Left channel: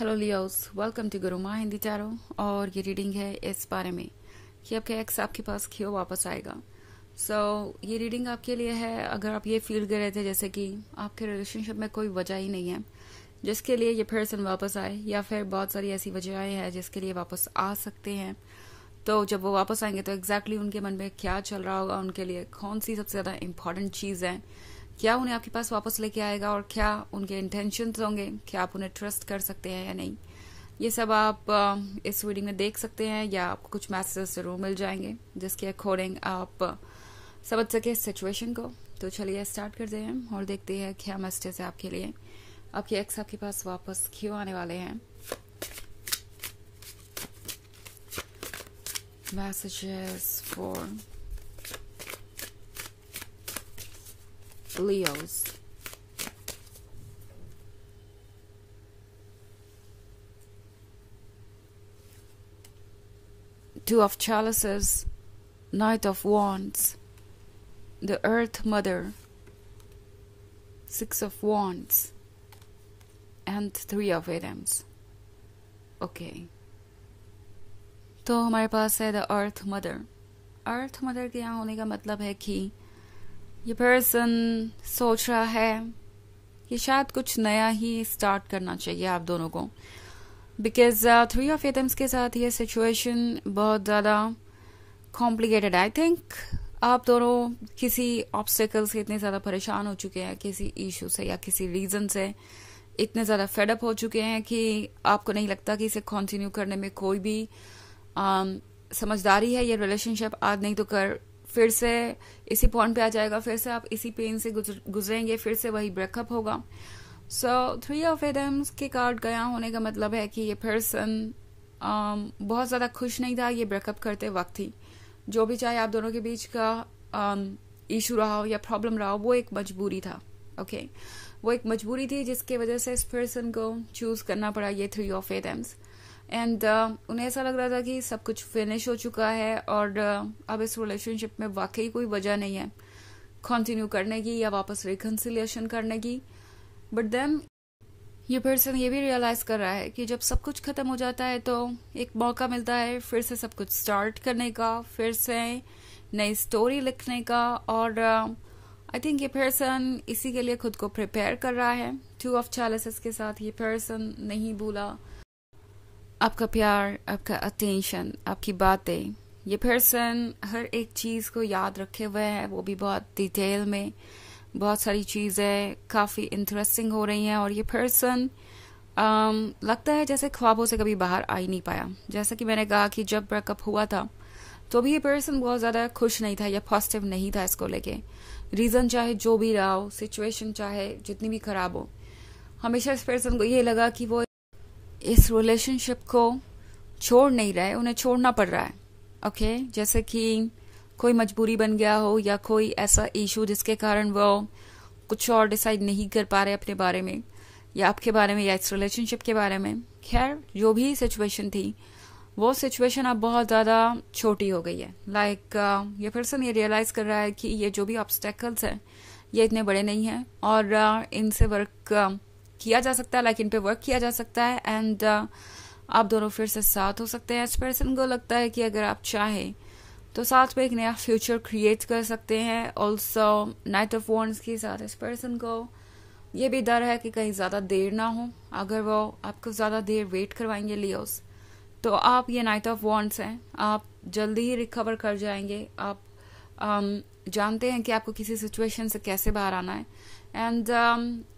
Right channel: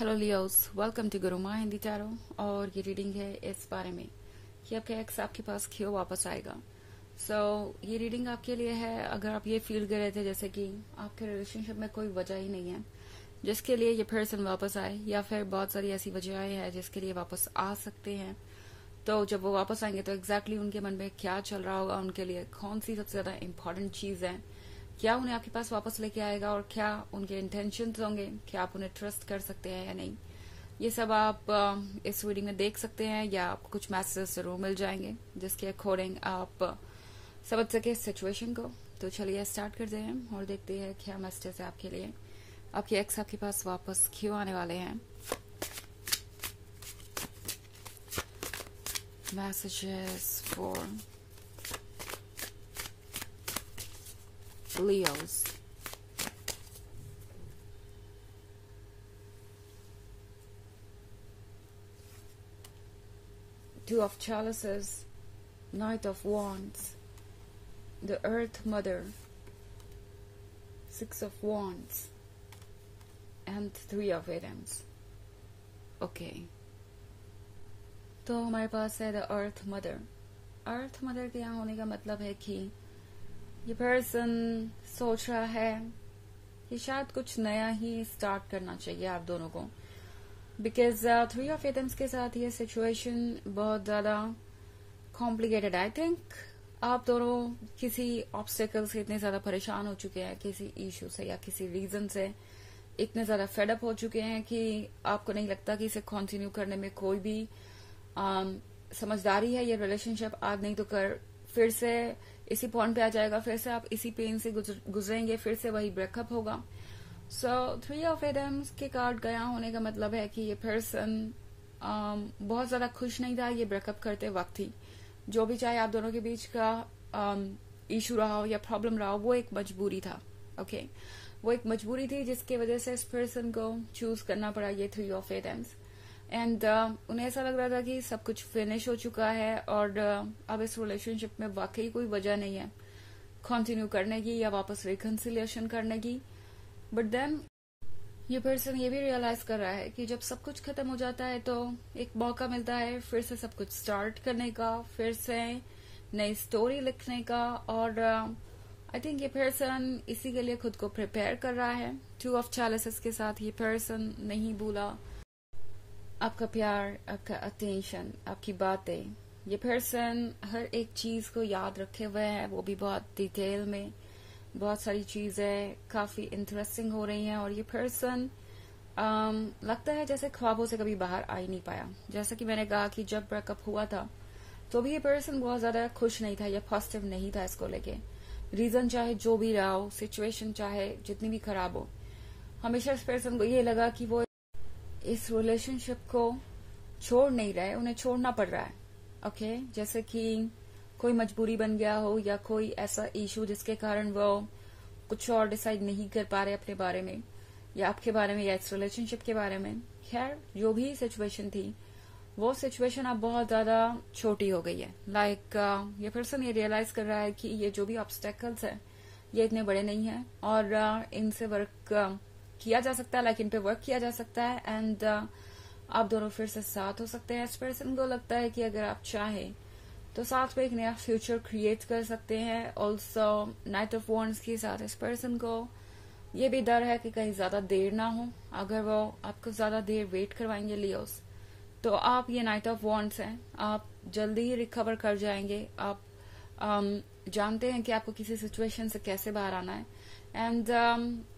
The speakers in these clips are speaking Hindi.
Hello Leos, welcome to Guruma Hindi tarot. और ये रीडिंग है इस बारे में कि आपके एक्स आपके पास क्यों वापस आएगा। ये रीडिंग आपके लिए है अगर आप ये फील कर रहे थे जैसे कि आपके रिलेशनशिप में कोई वजह ही नहीं है जिसके लिए ये पर्सन वापस आए, या फिर बहुत सारी ऐसी वजहें हैं जिसके लिए वापस आ सकते हैं। तो जब वो वापस आएंगे तो एग्जैक्टली उनके मन में क्या चल रहा होगा, उनके लिए कौन सी सबसे ज्यादा इम्पोर्टेंट चीज है, क्या उन्हें आपके पास वापस लेके आएगा और क्या उनके इंटेंशंस होंगे, क्या आप उन्हें ट्रस्ट कर सकते हैं या नहीं, ये सब आप इस रीडिंग में देख सकते हैं। या आपको कुछ मैसेज जरूर मिल जाएंगे जिसके अकॉर्डिंग आप समझ सके सिचुएशन को। तो चलिए स्टार्ट करते हैं और देखते हैं क्या मैसेज है आपके लिए। आपके एक्स आपके पास वापस क्यों आने वाले हैं। Messages for Leos. Two of Chalices, Knight of Wands, the Earth Mother, Six of Wands, and Three of Items. Okay. तो हमारे पास है the earth mother. Earth mother के यहाँ होने का मतलब है कि ये पर्सन सोच रहा है कि शायद कुछ नया ही स्टार्ट करना चाहिए आप दोनों को, बिकॉज थ्री ऑफ एटम्स के साथ ये सिचुएशन बहुत ज़्यादा कॉम्प्लिकेटेड है। आई थिंक आप दोनों किसी ऑब्स्टिकल से इतने ज़्यादा परेशान हो चुके हैं, किसी इशू से या किसी रीज़न से इतने ज़्यादा फेडअप हो चुके हैं कि आपको नहीं लगता कि इसे कंटिन्यू करने में कोई भी समझदारी है। ये रिलेशनशिप आज नहीं तो कर फिर से इसी पॉइंट पे आ जाएगा, फिर से आप इसी पेन से गुजरेंगे, फिर से वही ब्रेकअप होगा। थ्री ऑफ एटम्स के कार्ड गया होने का मतलब है कि ये पर्सन बहुत ज्यादा खुश नहीं था ये ब्रेकअप करते वक्त ही। जो भी चाहे आप दोनों के बीच का इशू रहा हो या प्रॉब्लम रहा हो, वो एक मजबूरी था। ओके, वो एक मजबूरी थी जिसके वजह से इस पर्सन को चूज करना पड़ा ये थ्री ऑफ एटम्स। एंड उन्हें ऐसा लग रहा था कि सब कुछ फिनिश हो चुका है और अब इस रिलेशनशिप में वाकई कोई वजह नहीं है कंटिन्यू करने की या वापस रिकंसिलिएशन करने की। बट देन ये पर्सन ये भी रियलाइज कर रहा है कि जब सब कुछ खत्म हो जाता है तो एक मौका मिलता है फिर से सब कुछ स्टार्ट करने का, फिर से नई स्टोरी लिखने का। और आई थिंक ये पर्सन इसी के लिए खुद को प्रिपेयर कर रहा है। टू ऑफ चैलिसेस के साथ ये पर्सन नहीं भूला आपका प्यार, आपका अटेंशन, आपकी बातें। ये पर्सन हर एक चीज को याद रखे हुए है, वो भी बहुत डिटेल में। बहुत सारी चीजें काफी इंटरेस्टिंग हो रही हैं और ये पर्सन लगता है जैसे ख्वाबों से कभी बाहर आ ही नहीं पाया। जैसा कि मैंने कहा कि जब ब्रेकअप हुआ था तो भी ये पर्सन बहुत ज्यादा खुश नहीं था या पॉजिटिव नहीं था इसको लेके। रीजन चाहे जो भी रहा हो, सिचुएशन चाहे जितनी भी खराब हो, हमेशा इस पर्सन को ये लगा कि वो इस रिलेशनशिप को छोड़ नहीं रहा है, उन्हें छोड़ना पड़ रहा है। ओके, जैसे कि कोई मजबूरी बन गया हो या कोई ऐसा इशू जिसके कारण वो कुछ और डिसाइड नहीं कर पा रहे अपने बारे में या आपके बारे में या इस रिलेशनशिप के बारे में। खैर, जो भी सिचुएशन थी वो सिचुएशन अब बहुत ज्यादा छोटी हो गई है। ये पर्सन ये रियलाइज कर रहा है कि ये जो भी ऑब्स्टेकल्स है ये इतने बड़े नहीं है और इनसे वर्क किया जा सकता है, इन पे वर्क किया जा सकता है। एंड आप दोनों फिर से साथ हो सकते हैं। इस पर्सन को लगता है कि अगर आप चाहें तो साथ में एक नया फ्यूचर क्रिएट कर सकते हैं। ऑल्सो नाइट ऑफ वॉन्ड्स के साथ इस पर्सन को ये भी डर है कि कहीं ज्यादा देर ना हो। अगर वो आपको ज्यादा देर वेट करवाएंगे लियोस, तो आप ये नाइट ऑफ वॉन्ड्स हैं, आप जल्दी ही रिकवर कर जाएंगे। आप जानते हैं कि आपको किसी सिचुएशन से कैसे बाहर आना है। एंड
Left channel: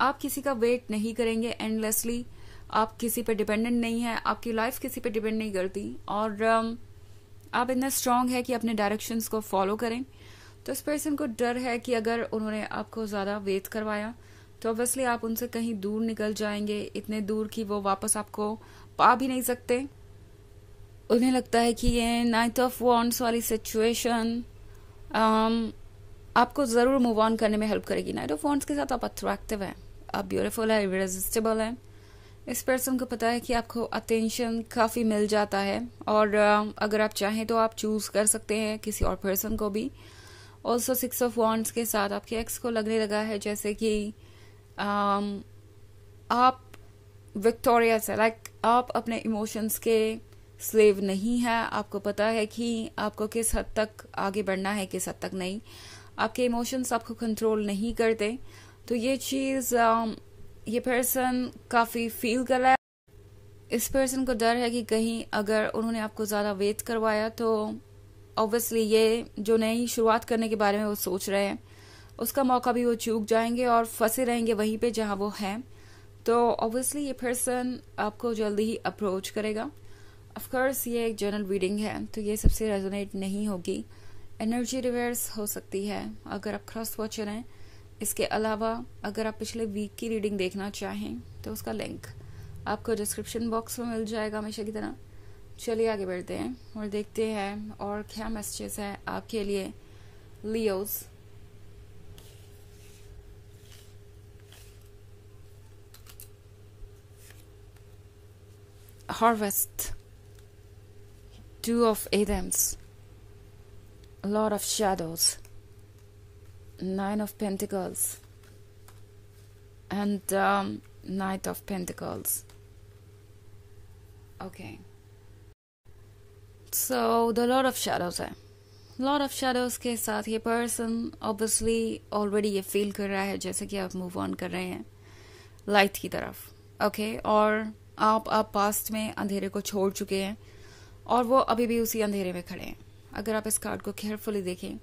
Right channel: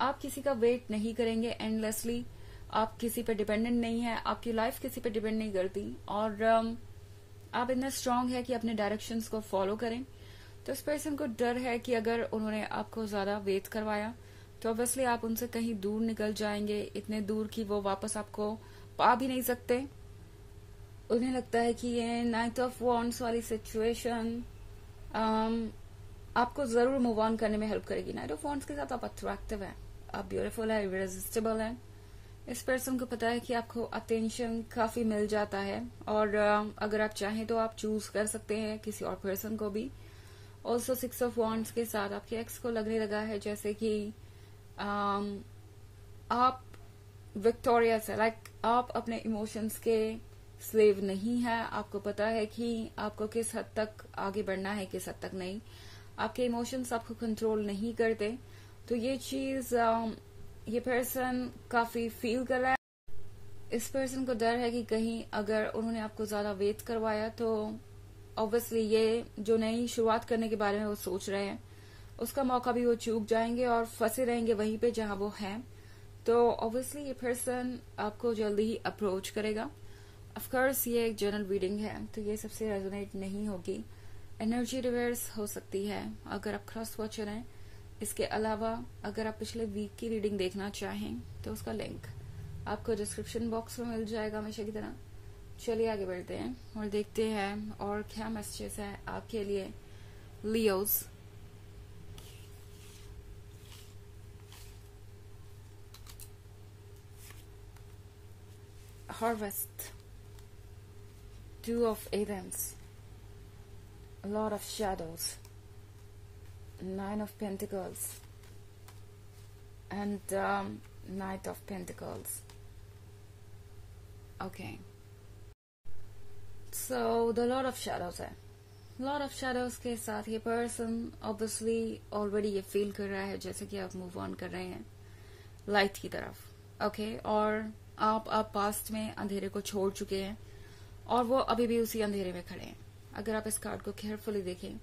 आप किसी का वेट नहीं करेंगे एंडलेसली। आप किसी पे डिपेंडेंट नहीं है, आपकी लाइफ किसी पे डिपेंड नहीं करती और आप इतना स्ट्रांग है कि अपने डायरेक्शंस को फॉलो करें। तो इस पर्सन को डर है कि अगर उन्होंने आपको ज्यादा वेट करवाया तो ऑब्वियसली आप उनसे कहीं दूर निकल जाएंगे, इतने दूर कि वो वापस आपको पा भी नहीं सकते। उन्हें लगता है कि ये नाइट ऑफ वॉन्ड्स वाली सिचुएशन आपको जरूर मूव ऑन करने में हेल्प करेगी। नाइट ऑफ वॉन्ड्स के साथ आप अट्रैक्टिव है, आप ब्यूटीफुल है, इररेसिस्टिबल है। इस पर्सन को पता है कि आपको अटेंशन काफी मिल जाता है और अगर आप चाहें तो आप चूज कर सकते हैं किसी और पर्सन को भी। ऑल्सो सिक्स ऑफ वॉन्ड्स के साथ आपके एक्स को लगने लगा है जैसे कि आप विक्टोरियस है, लाइक आप अपने इमोशंस के स्लेव नहीं है। आपको पता है कि आपको किस हद तक आगे बढ़ना है, किस हद तक नहीं। आपके इमोशंस आपको कंट्रोल नहीं करते। तो ये चीज ये पर्सन काफी फील कर रहा है। इस पर्सन को डर है कि कहीं अगर उन्होंने आपको ज्यादा वेट करवाया तो ऑब्वियसली ये जो नई शुरुआत करने के बारे में वो सोच रहे हैं, उसका मौका भी वो चूक जाएंगे और फंसे रहेंगे वहीं पे जहां वो हैं। तो ऑब्वियसली ये पर्सन आपको जल्दी ही अप्रोच करेगा। ऑफ कोर्स ये एक जनरल रीडिंग है तो ये सबसे रेजोनेट नहीं होगी। एनर्जी रिवर्स हो सकती है अगर आप क्रॉस वॉचर हैं। इसके अलावा अगर आप पिछले वीक की रीडिंग देखना चाहें तो उसका लिंक आपको डिस्क्रिप्शन बॉक्स में मिल जाएगा हमेशा की तरह। चलिए आगे बढ़ते हैं और देखते हैं और क्या मैसेजेस है आपके लिए Leos. Harvest, two of Adams, lord of shadows, nine of pentacles and knight of pentacles. Okay, so the lord of shadows है। लॉर्ड ऑफ शैडोज के साथ ये पर्सन ऑब्वियसली ऑलरेडी ये फील कर रहा है जैसे कि आप मूव ऑन कर रहे हैं लाइट की तरफ। ओके, और आप पास्ट में अंधेरे को छोड़ चुके हैं और वो अभी भी उसी अंधेरे में खड़े हैं। अगर आप इस कार्ड को केयरफुली देखें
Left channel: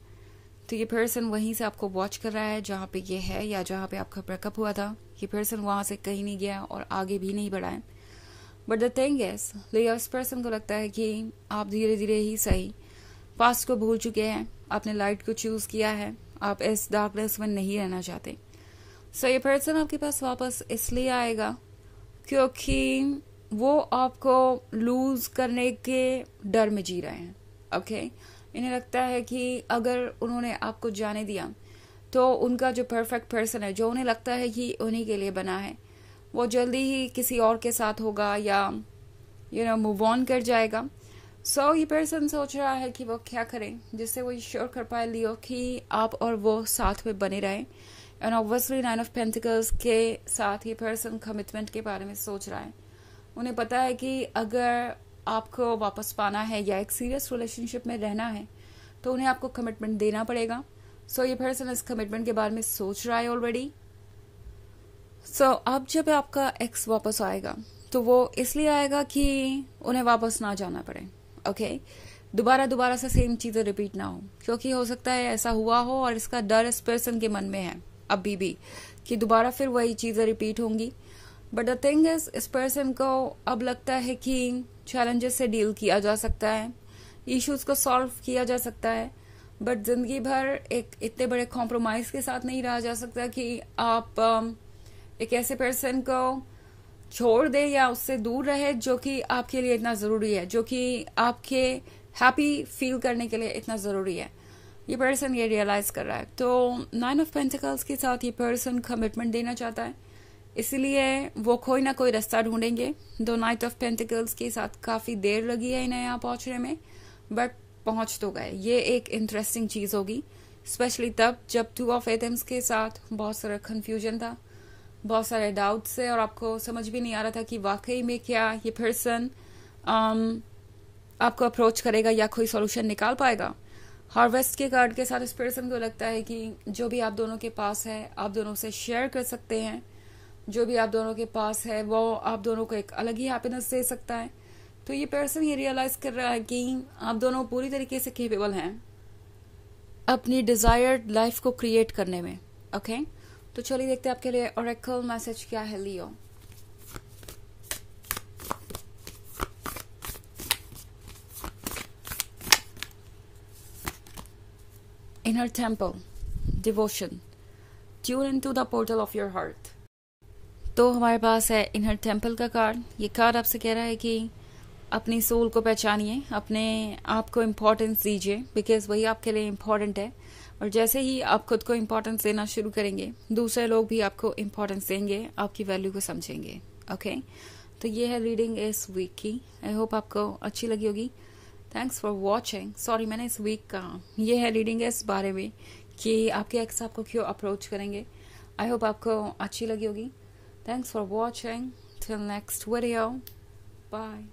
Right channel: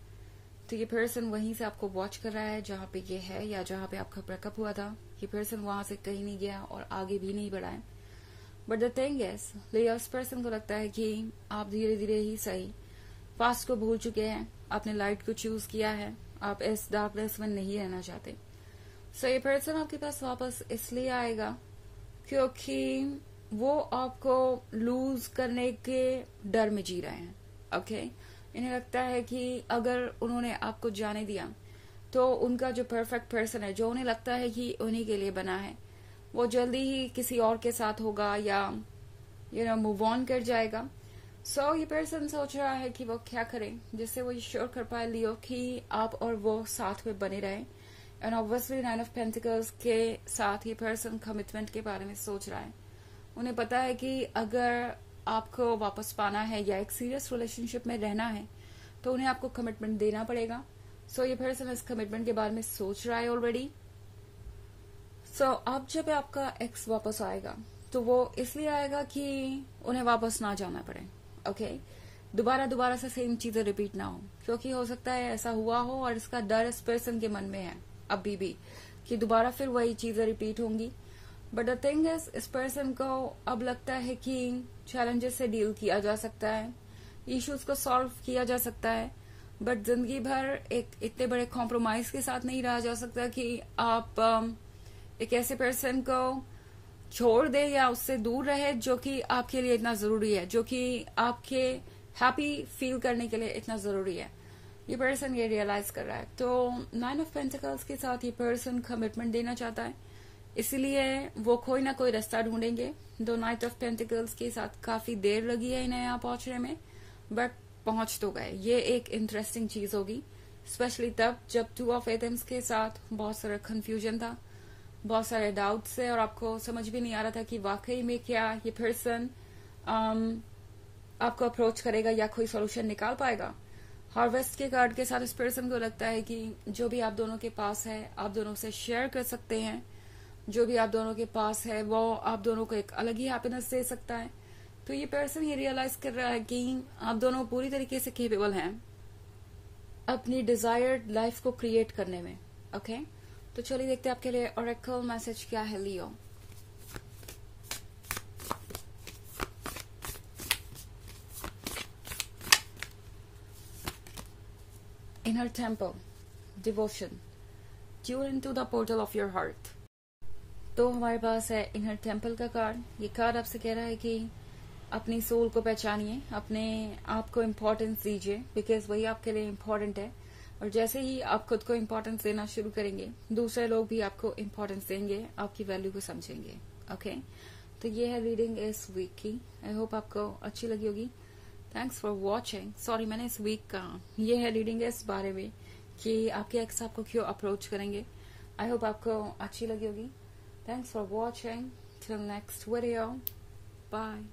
तो ये पर्सन वहीं से आपको वॉच कर रहा है जहां पे ये है या जहां पे आपका ब्रेकअप हुआ था। ये पर्सन वहां से कहीं नहीं गया और आगे भी नहीं बढ़ा है। बट द थिंग इज, इस पर्सन को लगता है कि आप धीरे धीरे ही सही पास्ट को भूल चुके हैं, आपने लाइट को चूज किया है, आप इस डार्कनेस में नहीं रहना चाहते। सो ये पर्सन आपके पास वापस इसलिए आएगा क्योंकि वो आपको लूज करने के डर में जी रहे हैं। ओके, इन्हें लगता है कि अगर उन्होंने आपको जाने दिया तो उनका जो परफेक्ट पर्सन है, जो उन्हें लगता है कि उन्हीं के लिए बना है, वो जल्दी ही किसी और के साथ होगा या मूव ऑन कर जाएगा। सो ये पर्सन सोच रहा है कि वो क्या करे जिससे वो श्योर कर पाए लियो कि आप और वो साथ में बने रहें। And obviously nine of pentacles के साथ ये पर्सन कमिटमेंट के बारे में सोच रहा है। उन्हें पता है कि अगर आपको वापस पाना है या एक सीरियस रिलेशनशिप में रहना है तो उन्हें आपको कमिटमेंट देना पड़ेगा। सो ये पर्सन इस कमिटमेंट के बारे में सोच रहा है ऑलरेडी। सो अब जब आपका एक्स वापस आएगा तो वो इसलिए आएगा कि उन्हें वापस ना जाना पड़े। ओके, दोबारा से सेम चीजें रिपीट ना हो, क्योंकि हो सकता है ऐसा हुआ हो और इसका डर इस पर्सन के मन में है अभी भी कि दोबारा फिर वही चीजें रिपीट होंगी। बट द थिंग इज, इस पर्सन को अब लगता है कि चैलेंजेस से डील किया जा सकता है, इश्यूज को सॉल्व किया जा सकता है, बट जिंदगी भर एक इतने बड़े कॉम्प्रोमाइज के साथ नहीं रहा जा सकता कि आप एक ऐसे पर्सन को छोड़ दे या उससे दूर रहे जो कि आपके लिए इतना जरूरी है, जो कि आपके हैप्पी फील करने के लिए इतना जरूरी है। ये पर्सन ये रियलाइज कर रहा है। तो नाइन ऑफ पेंटिकल्स के साथ ये पर्सन कमिटमेंट देना चाहता है, इसलिए वो कोई ना कोई रास्ता ढूंढेंगे। दो नाइट ऑफ पेंटिकल्स के साथ काफी देर लगी है इन्हें यहाँ पहुंचने में, बट पहुंच तो गए। ये एक इंटरेस्टिंग चीज होगी, स्पेशली तब जब टू ऑफ एटम्स के साथ बहुत सारा कंफ्यूजन था, बहुत सारे डाउट्स है और आपको समझ भी नहीं आ रहा था कि वाकई में क्या ये पर्सन आपको अप्रोच करेगा या कोई सॉल्यूशन निकाल पाएगा। हार्वेस्ट के कार्ड के साथ इस पर्सन को लगता है कि जो भी आप दोनों के पास है आप दोनों से शेयर कर सकते हैं, जो भी आप दोनों के पास है वो आप दोनों को एक अलग ही हैप्पीनेस दे सकता है। तो ये पर्सन ये रियलाइज कर रहा है कि आप दोनों पूरी तरीके से केपेबल हैं अपनी डिजायर्ड लाइफ को क्रिएट करने में। ओके, तो चलिए देखते हैं आपके लिए ओरेकल मैसेज क्या है Leo. Inner temple, devotion, tune into the portal of your heart. तो हमारे पास है इनर टेम्पल का कार्ड। ये कार्ड आपसे कह रहा है कि अपनी सोल को पहचानिए, अपने आप को इम्पोर्टेंस दीजिए, बिकॉज वही आपके लिए इम्पोर्टेंट है। और जैसे ही आप खुद को इम्पोर्टेंस देना शुरू करेंगे दूसरे लोग भी आपको इम्पोर्टेंस देंगे, आपकी वैल्यू को समझेंगे। ओके, तो ये है रीडिंग इस वीक की। आई होप आपको अच्छी लगी होगी। Thanks for watching. सॉरी मैंने इस वीक कहा, ये है रीडिंग इस बारे में कि आपके एक्स आपको क्यों अप्रोच करेंगे। आई होप आपको अच्छी लगी होगी। Thanks for watching. till next video, bye.